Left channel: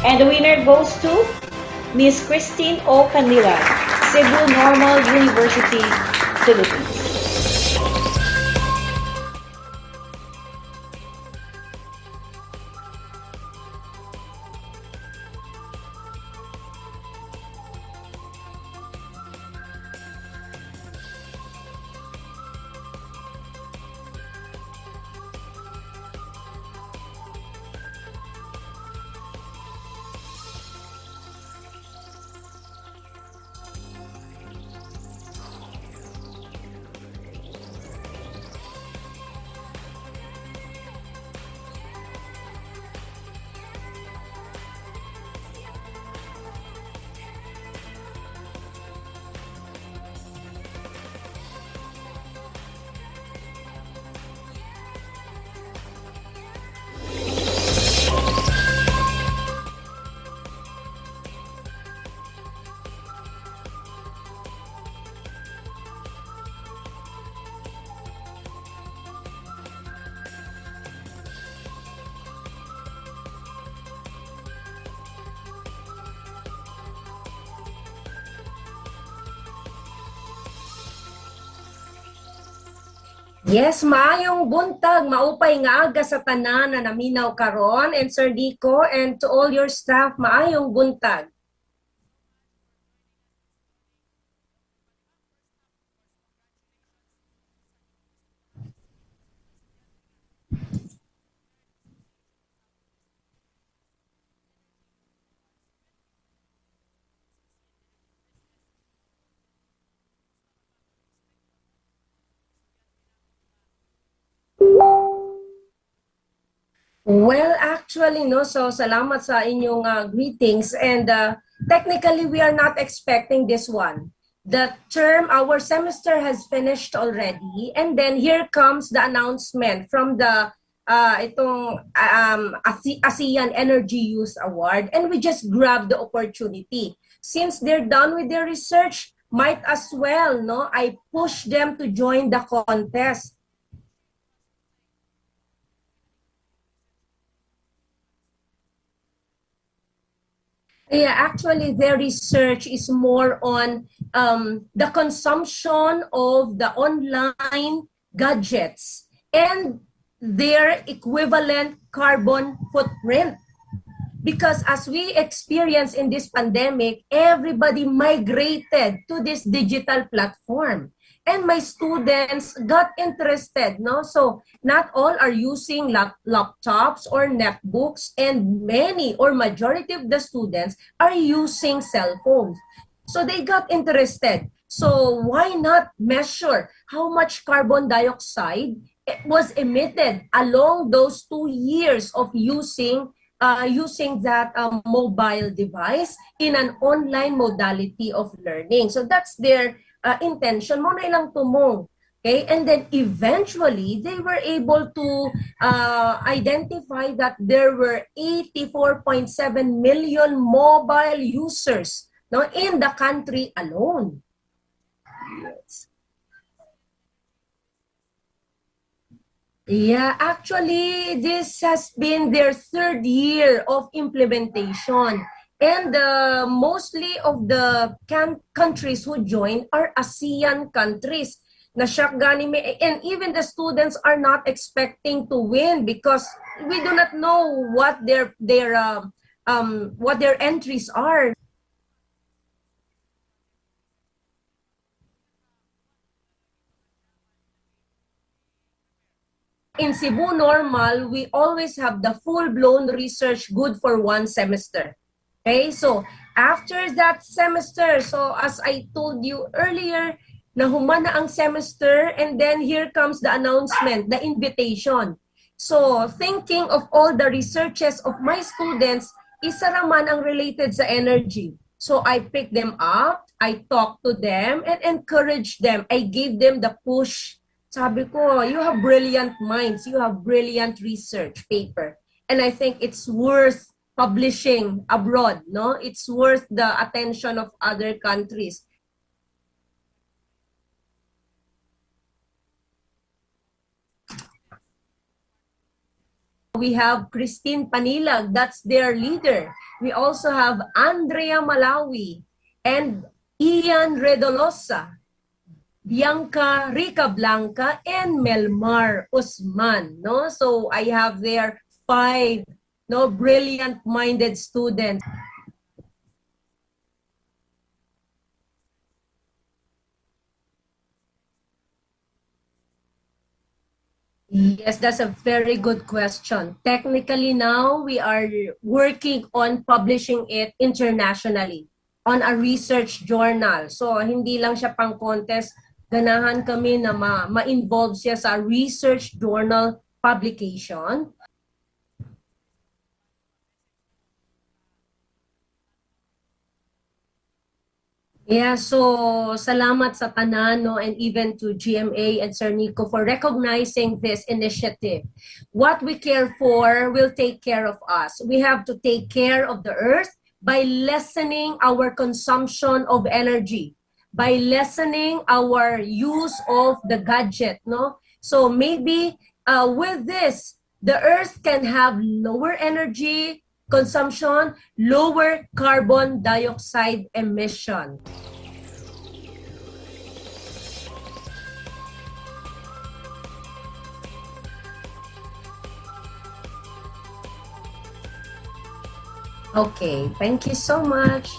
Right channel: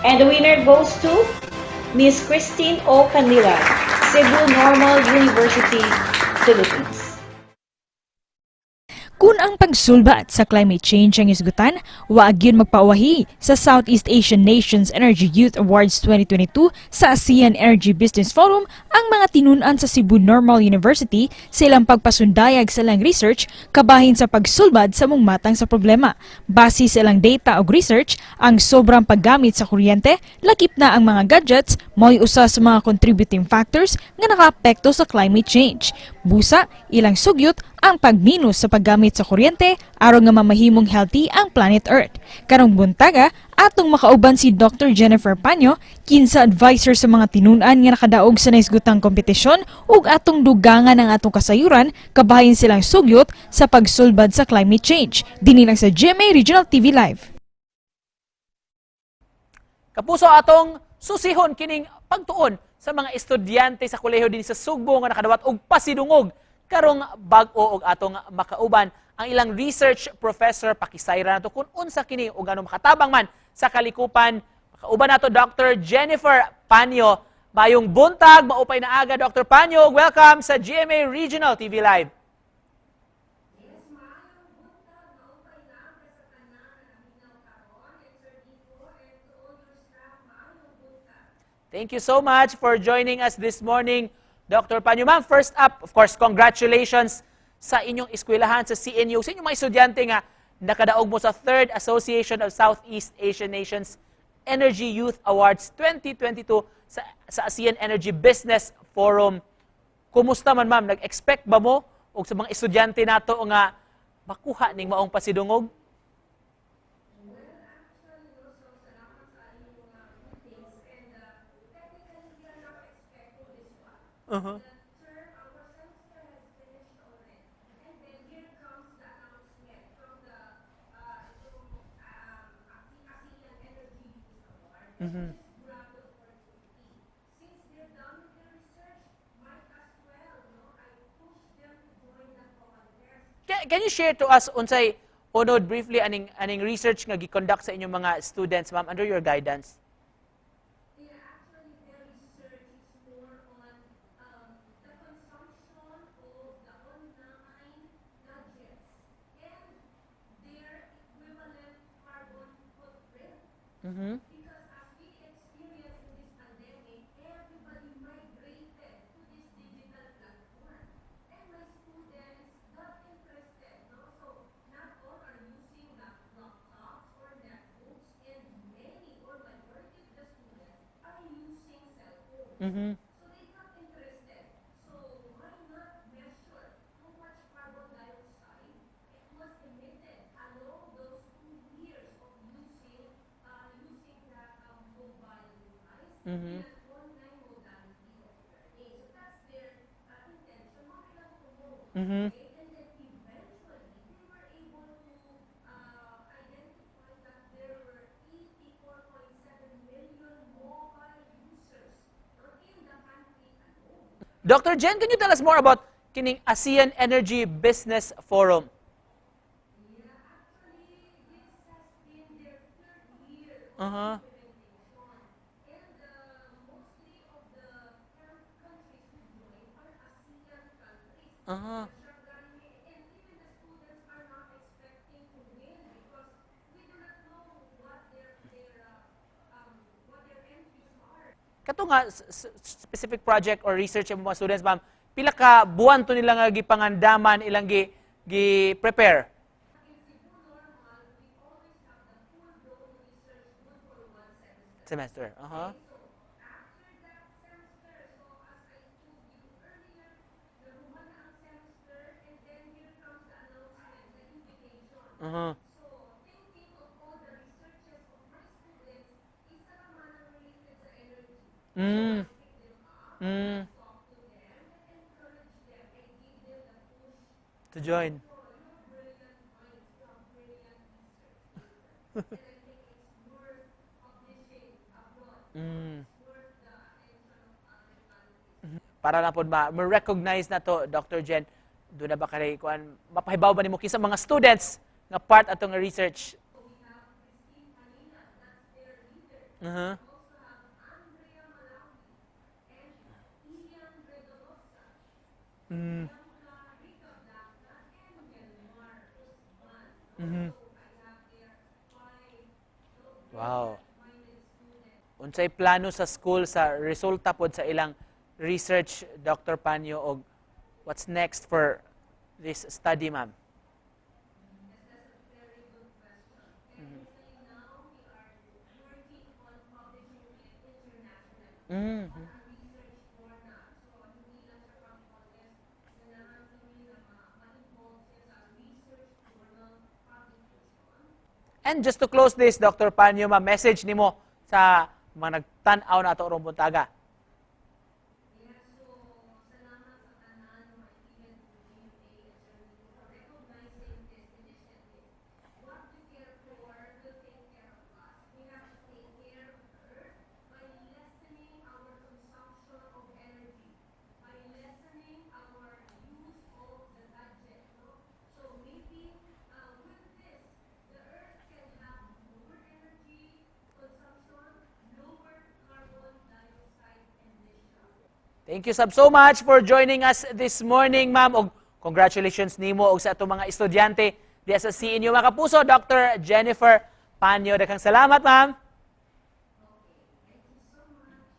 And the winner goes to Miss Christine O. Candilan, Cebu Normal University, Philippines. Kung ang pagsulbat sa climate change ang isgutan, waag yun magpauwahi sa Southeast Asian Nations Energy Youth Awards 2022 sa ASEAN Energy Business Forum ang mga tinun-an sa Cebu Normal University sa ilang pagpasundayag sa ilang research kabahin sa pagsulbad sa mong matang sa problema. Base sa ilang data o research, ang sobrang paggamit sa kuryente, lakip na ang mga gadgets, mo'y usa sa mga contributing factors nga nakaapekto sa climate change. Busa, ilang sugyot ang pagminus sa paggamit sa kuryente aron nga mamahimong healthy ang planet Earth. Karong buntaga, atong makauban si Dr. Jennifer Paño, kinsa advisor sa mga tinun-an nga nakadaog sa naisgutang kompetisyon ug atong dugangan ang atong kasayuran kabahin silang sugyot sa pagsulbad sa climate change. Dinhi lang sa GMA Regional TV Live. Kapuso atong susihon kining pagtuon sa mga estudyante sa kolehiyo din sa Sugbo nga nakadawat og pasidungog karong bag-o og atong makauban ang ilang research professor pakisayra nato kung unsa kini ug ano makatabang man sa Kalikupan. Kauban nato Dr. Jennifer Paño. Mayong buntag, maupay na aga Dr. Paño. Welcome sa GMA Regional TV Live. Yes, maayong buntag, maupay nga aga sa tanan na naminaw karon, and Sir Dico and to all your staff, maayong buntag. Thank you so much for joining us this morning, Dr. Paño. Ma'am, first up, of course, congratulations sa inyong eskwelahan sa CNU. Sa inyong mga estudyante nga nakadaog mo sa 3rd Association of Southeast Asian Nations Energy Youth Awards 2022 sa ASEAN Energy Business Forum. Kumusta man, ma'am? Nag-expect ba mo o sa mga estudyante nato nga makuha ning maong pasidungog? Well, actually, no, so salamat sa inyong greetings, and technically we are not expecting this one. The term, our semester has finished already, and then here comes the announcement from the ASEAN Energy Youth Award, and we just grabbed the opportunity. Since they're done with their research, might as well, no, I push them to join the contest. Can you share to us unsay unod briefly aning research nga gi-conduct sa inyong mga students, ma'am, under your guidance? Yeah, actually, their research is more on the consumption of the online gadgets and their equivalent carbon footprint. Because as we experience in this pandemic, everybody migrated to this digital platform. And my students got interested, no? So not all are using laptops or netbooks, and many or majority of the students are using cell phones. So they got interested. So why not measure how much carbon dioxide was emitted along those 2 years of using that mobile device in an online modality of learning. So that's their intention mo na ilang tumong. Okay? And then eventually, they were able to identify that there were 84.7 million mobile users, no, in the country alone. Dr. Jen, can you tell us more about kining ASEAN Energy Business Forum? Yeah, actually, this has been their 3rd year of implementation. And mostly of the countries who join are ASEAN countries. And even the students are not expecting to win because we do not know what their entries are. Kato nga specific project or research ng mga students, ma'am, pila ka buwan to nila nga gipangandaman ilang gi-prepare? In Cebu Normal, we always have the full-blown research good for 1 semester. Okay, so after that semester, so as I told you earlier, nahuman na ang semester, and then here comes the announcement, the invitation. So thinking of all the researches of my students, isa raman ang related sa energy. So I picked them up, I talked to them, and encouraged them. I gave them the push. Sabi ko, you have brilliant minds, you have brilliant research paper. And I think it's worth publishing abroad, no? It's worth the attention of other countries. Para na po ma-recognize na to, Dr. Jen, doon na ba kayo, mapahibaw ba ni mo kisa mga students nga part atong research? We have Christine Panilag, that's their leader. We also have Andrea Malawi and Ian Redolosa, Bianca Rica Blanca, and Melmar Usman. No? So I have there 5 brilliant-minded students. Unsay plano sa school sa resulta pod sa ilang research, Dr. Paño, og what's next for this study, ma'am? Yes, that's a very good question. Technically now, we are working on publishing it internationally on a research journal. So, hindi lang siya pang contest. Ganahan kami na ma-involve siya sa research journal publication. And just to close this, Dr. Paño, message nimo sa mga nagtan-aw na ato rong buntaga. Yeah, so salamat sa tanan, no, and even to GMA and Sir Nico for recognizing this initiative. What we care for will take care of us. We have to take care of the earth by lessening our consumption of energy, by lessening our use of the gadget, no? So maybe with this, the earth can have lower energy consumption, lower carbon dioxide emission. Thank you so much for joining us this morning, ma'am. Og congratulations nimo og sa atong mga estudyante diya sa CNU. Mga kapuso, Dr. Jennifer Paño, daghang salamat, ma'am. Okay, thank you so much.